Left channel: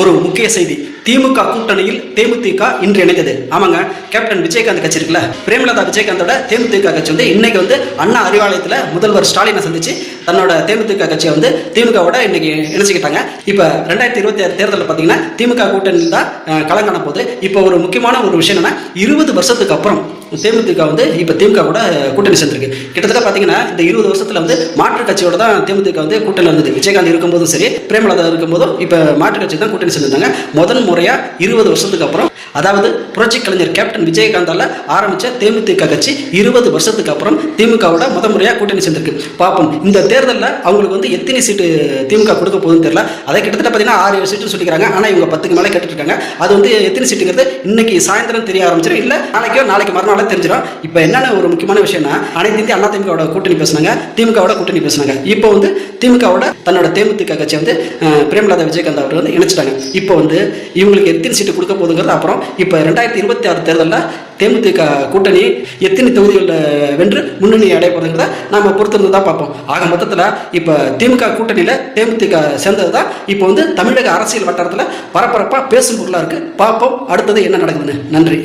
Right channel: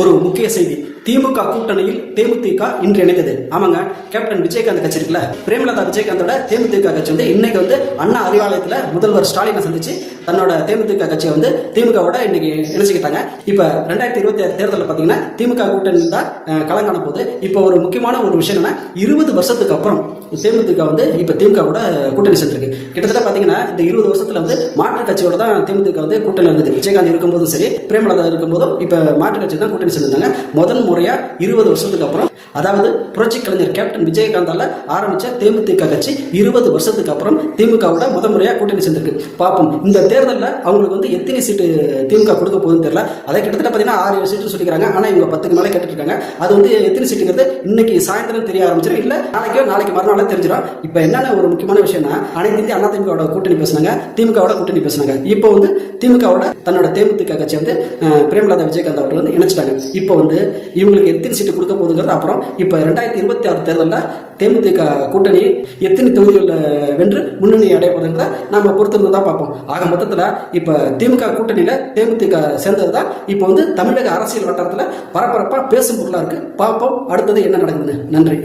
ஒரு முக்கிய செய்தி. திமுக கூட்டணியில் தேமுதிக இன்று இணைந்தது. ஆமாங்க, கேப்டன் விஜயகாந்த் கட்சி இருக்குல்ல, பிரேமலதா விஜயகாந்தோட தேமுதிக கட்சி வந்து இன்னைக்கு வந்து அண்ணா அறிவாலயத்தில் முதல்வர் ஸ்டாலினை சந்திச்சு தன்னோட தேமுதிக கட்சியை வந்து திமுகவோட இன்னைக்கு இணைச்சிக்கிட்டாங்க. இப்போ 2026 தேர்தலில் பார்த்தீங்கன்னா திமுக கூட்டணியில் தான் களங்காண போகுது. இப்போ ஒரு முக்கியமான ஒரு விஷயம் என்னன்னா, 20 வருஷத்துக்கு அப்புறம் தேமுதிக வந்து இப்போ திமுக கூட கூட்டணி சேர்ந்திருக்கு. கிட்டத்தட்ட பார்த்தீங்கன்னா இந்த 20 வருஷத்துல வந்து மாற்று கட்சியோட தான் தேமுதிக வந்து கூட்டணி இருந்தது. விஜயகாந்த் இருக்கும்போதும் சரி, பிரேமலதா இருக்கும்போதும் இப்போ மாற்று கட்சி தான் கூட்டணி சேர்ந்தாங்க. முதல் முறையா 20 வருஷத்துக்கு அப்புறம், அதாவது புரட்சி கலைஞர் கேப்டன் விஜயகாந்தால ஆரம்பிச்ச தேமுதிக கட்சி 20 வருஷத்துக்கு அப்புறம் திமுகவோட முதல் முறையா கூட்டணி சேர்ந்திருக்கு. பார்ப்போம் இந்த தேர்தலில் அவங்களுக்கு வந்து எத்தனை சீட்டு திமுக கொடுக்க போகுதுன்னு தெரியல. அதை கிட்டத்தட்ட பார்த்தீங்கன்னா 6-7 சீட்டு சொல்லிக்கிறாங்க. ஆனால் இவங்க 10க்கு மேலே கேட்டுட்டு இருக்காங்க. அது வந்து எத்தனை சீட்டுங்கிறது இன்னைக்கு சாயந்தரம் தெரிய ஆரம்பிச்சிடும், இல்லை நாளைக்கு மறுநாளே தெரிஞ்சிடும். இப்போ என்னென்ன ஒரு முக்கியமான விஷயம்னா, அனைத்து இந்திய அண்ணா திமுகவோட கூட்டணி பேசினாங்க, திமுகவோட கூட்டணி பேசினாங்க. இப்போ வந்து திமுகவோட தன்னோட தேமுதிக கட்சி வந்து பிரேமலதா விஜயகாந்த் அவர் வந்து இணைச்சிட்டாங்க. இப்போ வந்து இவங்களுக்கு எத்தனை சீட்டு கொடுக்க போகுதுங்கிறது அப்புறம். இப்போ 2026 தேர்தலில் தேமுதிக கூட்டணி எத்தனை தொகுதிகளில் வென்று முன்னணி அடைய போகுதுங்கிறத நாம பொறுத்திருந்து தான் பார்ப்போம். ஆக மொத்தத்தில் இப்போ திமுக கூட்டணியில் தேமுதிக சேர்ந்தது தான் இப்போ வந்து தமிழக அரசியல் வட்டாரத்தில் பரபரப்பாக பேசும் பொருளாக இருக்குது. பார்ப்போம் அடுத்தது என்ன நடக்குதுன்னு. நன்றி.